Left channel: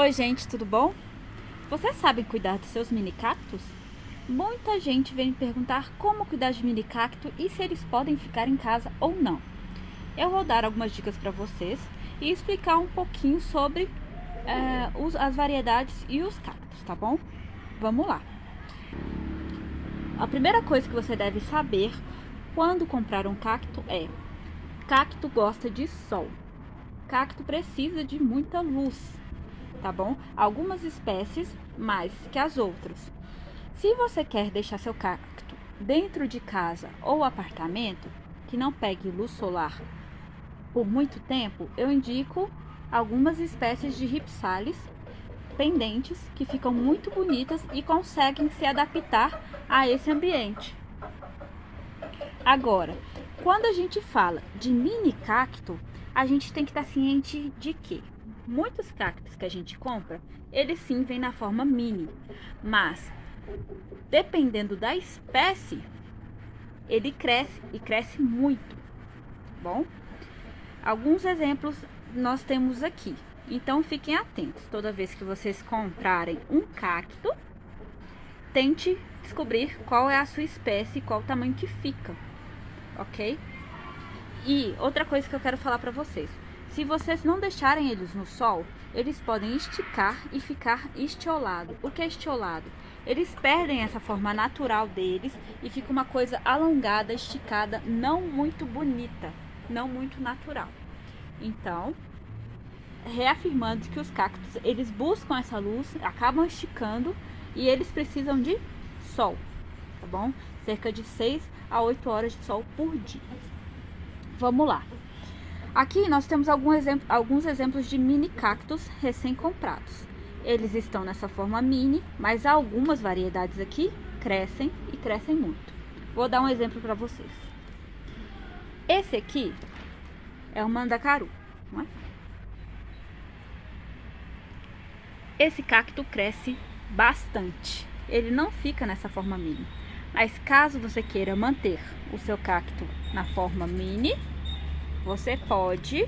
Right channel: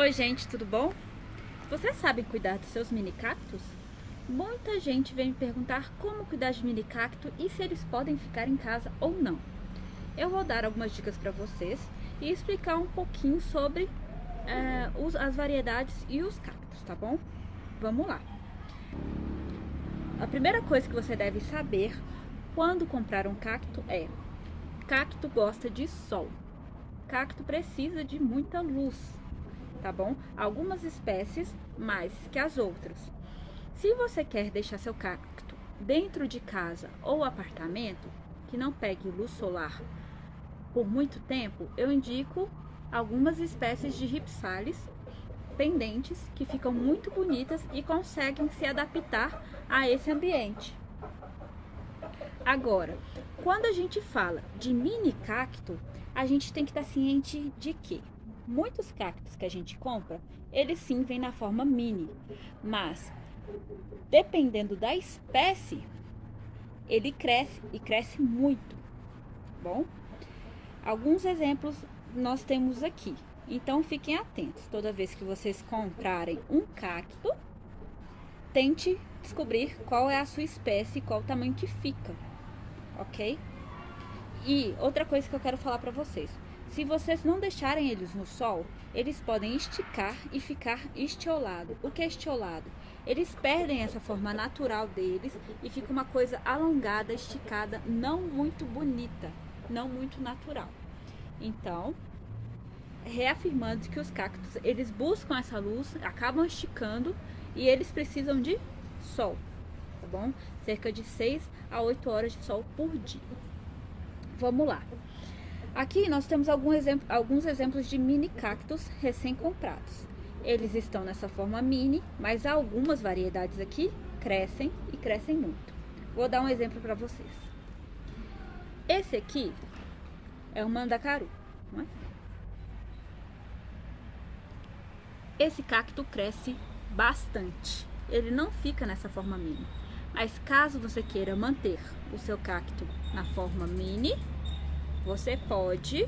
Oi gente, tudo bom? Vocês sabem cuidar dos seus mini cactos? Muita gente vem me perguntar como cuidar de mini cacto e se eles podem ficar em casa ou não. Eu vou dar algumas dicas para vocês e explicar um pouquinho sobre as variedades e os cactos, tá bom? Vamos lá! A primeira coisa que você deve saber quando comprar um cacto é: cacto gosta de sol, cacto precisa de muita luz, tá bom? Algumas espécies mais que as outras. Se você quer deixar seu cacto dentro de casa ou apartamento que não pegue luz solar por muito tempo, eu indico algumas espécies de ripsalis pendentes que ficam muito bonitas e conseguem se adaptar a esse ambiente. Agora, quando a gente fala de mini cacto, a gente tem que estar ciente de que muitos cactos que a gente compra, eles sim vêm na forma mini, mas dependendo da espécie, ele cresce e cresce muito, bom? Alguns exemplos nós temos aqui, então fiquem atentos. Toda vez que vocês comprarem um cacto, tente descobrir qual é a sua espécie e qual o tamanho que fica, ok? E outra coisa que eu quero falar para vocês: se vocês não deixarem eles no sol, eles podem esticar e ficar estiolado. O que é estiolado? Eles perdem essa forma natural deles e fica uma coisa alongada, esticada, não muito bonita, não muito natural. Então, reafirmando que os cactos, eles buscam essa luz, acabam esticando e eles precisam de sol, tá bom? Cerca de 6 a 8 horas de sol por dia. Vamos lá. Aqui nós temos alguns exemplos de mini cactos recém-comprados. Eles estão nessa forma mini, mas algumas variedades aqui crescem e crescem muito. Vou dar um exemplo para vocês. Esse aqui é o mandacaru, não é? Esse cacto cresce bastante. Ele não fica nessa forma mini. Mas caso você queira manter o seu cacto na forma mini, você pode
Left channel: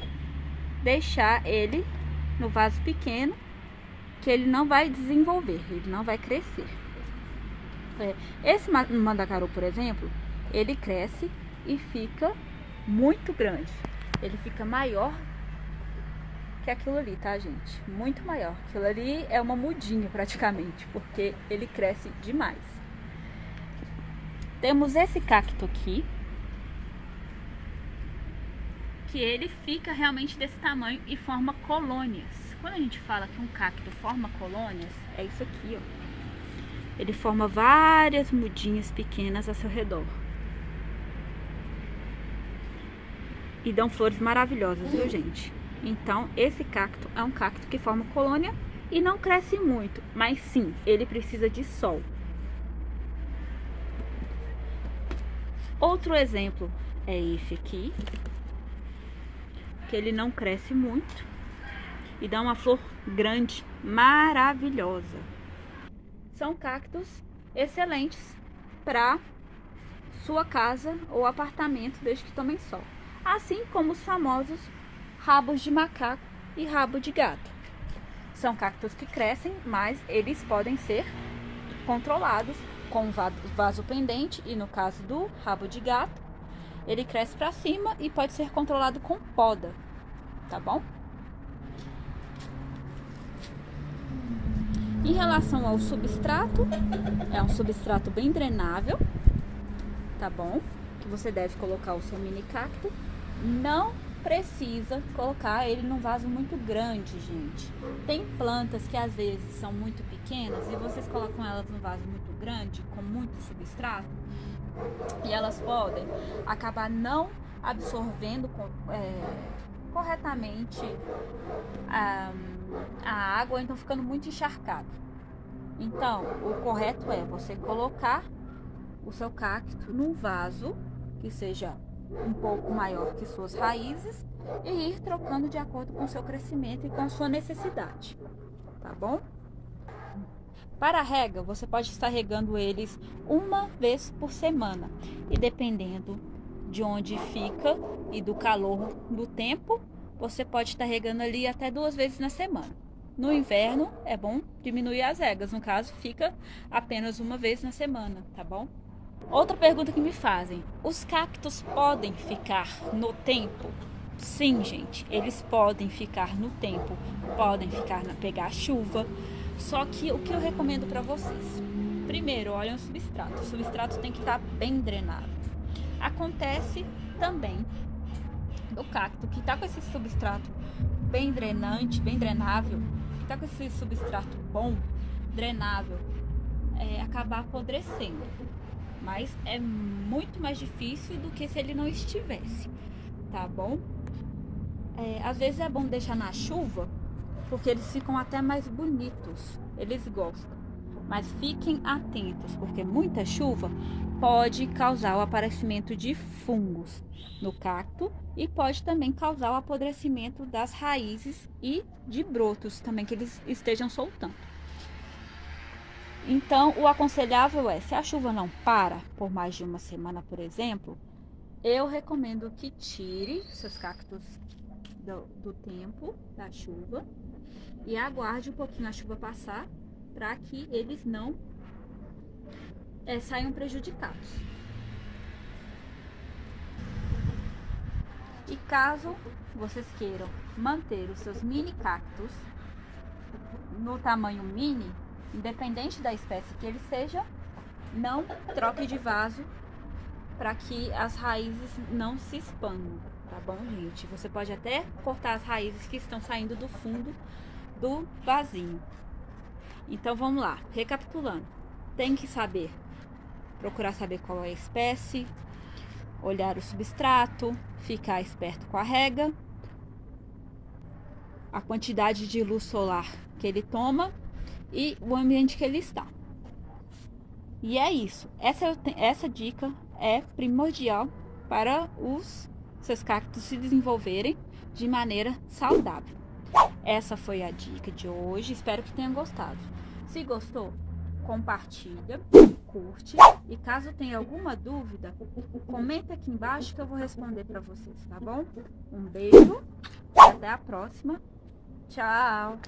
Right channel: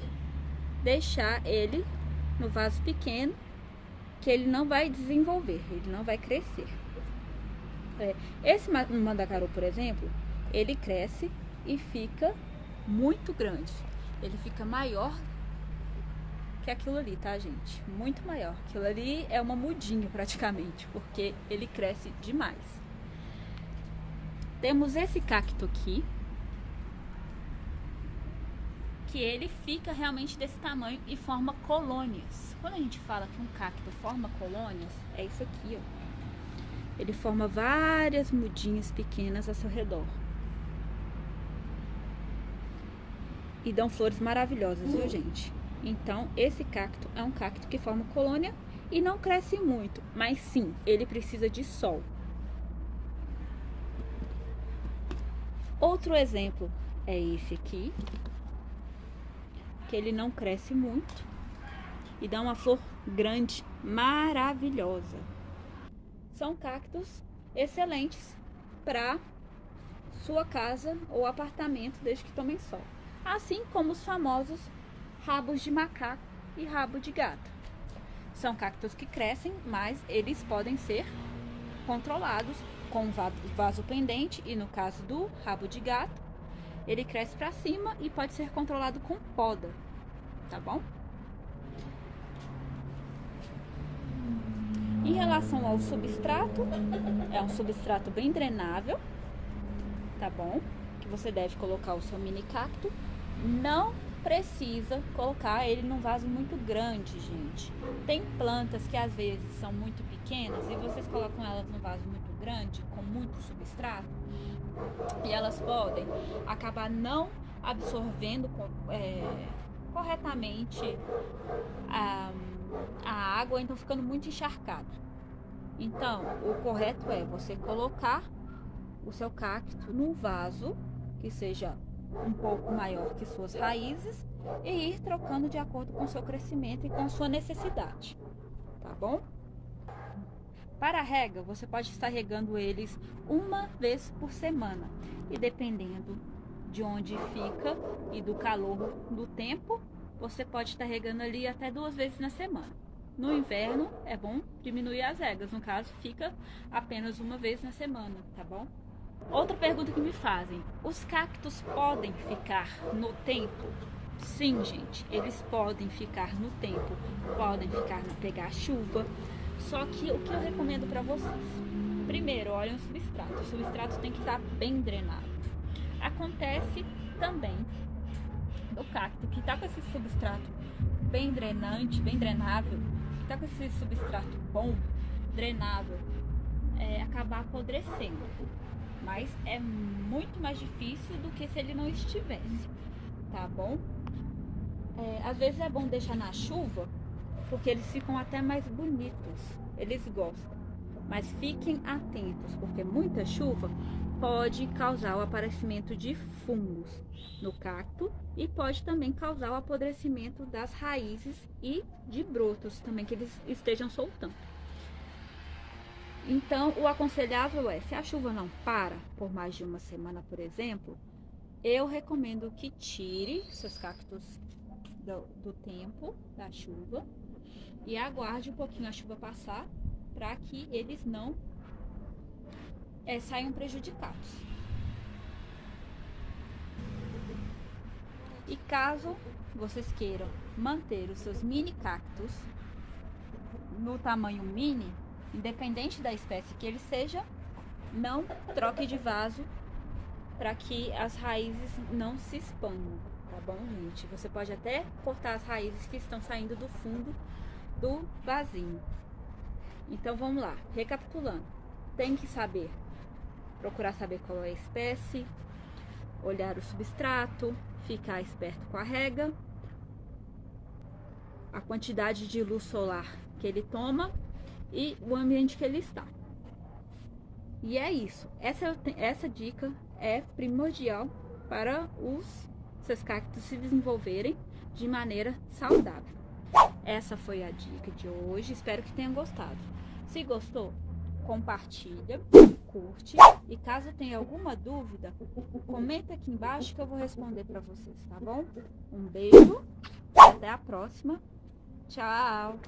deixar ele no vaso pequeno, que ele não vai desenvolver, ele não vai crescer. Esse mandacaru, por exemplo, ele cresce e fica muito grande. Ele fica maior que aquilo ali, tá, gente? Muito maior. Aquilo ali é uma mudinha praticamente, porque ele cresce demais. Temos esse cacto aqui, que ele fica realmente desse tamanho e forma colônias. Quando a gente fala que um cacto forma colônias, é isso aqui, ó. Ele forma várias mudinhas pequenas ao seu redor. E dão flores maravilhosas, viu, gente? Então, esse cacto é um cacto que forma colônia e não cresce muito, mas sim, ele precisa de sol. Outro exemplo é esse aqui, que ele não cresce muito e dá uma flor grande, maravilhosa. São cactos excelentes para sua casa ou apartamento, desde que tomem sol. Assim como os famosos rabos de macaco e rabo de gato. São cactos que crescem, mas eles podem ser controlados com vaso pendente, e no caso do rabo de gato, ele cresce para cima e pode ser controlado com poda, tá bom? Em relação ao substrato, é um substrato bem drenável, tá bom? Que você deve colocar o seu mini cacto. Não precisa colocar ele num vaso muito grande, gente. Tem plantas que às vezes são muito pequenas e vocês colocam elas num vaso muito grande, com muito substrato, e elas podem acabar não absorvendo corretamente a água, então ficando muito encharcado. Então, o correto é você colocar o seu cacto num vaso que seja um pouco maior que suas raízes e ir trocando de acordo com o seu crescimento e com a sua necessidade, tá bom? Para a rega, você pode estar regando eles uma vez por semana, e dependendo de onde fica e do calor do tempo, você pode estar regando ali até 2 vezes na semana. No inverno é bom diminuir as regas, no caso fica apenas uma vez na semana, tá bom? Outra pergunta que me fazem: os cactos podem ficar no tempo? Sim, gente, eles podem ficar no tempo, podem ficar na pegar chuva. Só que o que eu recomendo para vocês? Primeiro, olhem o substrato. O substrato tem que estar bem drenado. Acontece também o cacto que está com esse substrato bem drenante, bem drenável, que está com esse substrato bom, drenável, acabar apodrecendo. Mas é muito mais difícil do que se ele não estivesse, tá bom? Às vezes é bom deixar na chuva, porque eles ficam até mais bonitos, eles gostam. Mas fiquem atentos, porque muita chuva pode causar o aparecimento de fungos no cacto e pode também causar o apodrecimento das raízes e de brotos também que eles estejam soltando. Então, o aconselhável é, se a chuva não para por mais de uma semana, por exemplo, eu recomendo que tire seus cactos do tempo da chuva e aguarde um pouquinho a chuva passar para que eles não saiam prejudicados. E caso vocês queiram manter os seus mini cactos no tamanho mini, independente da espécie que ele seja, não troque de vaso para que as raízes não se expandam, tá bom, gente? Você pode até cortar as raízes que estão saindo do fundo do vasinho. Então vamos lá, recapitulando. Tem que procurar saber qual é a espécie, olhar o substrato, ficar esperto com a rega, a quantidade de luz solar que ele toma e o ambiente que ele está. E é isso. Essa dica é primordial para os seus cactos se desenvolverem de maneira saudável. Essa foi a dica de hoje. Espero que tenham gostado. Se gostou, compartilha, curte e caso tenha alguma dúvida, comenta aqui embaixo que eu vou responder para vocês, tá bom? Um beijo, até a próxima. Tchau!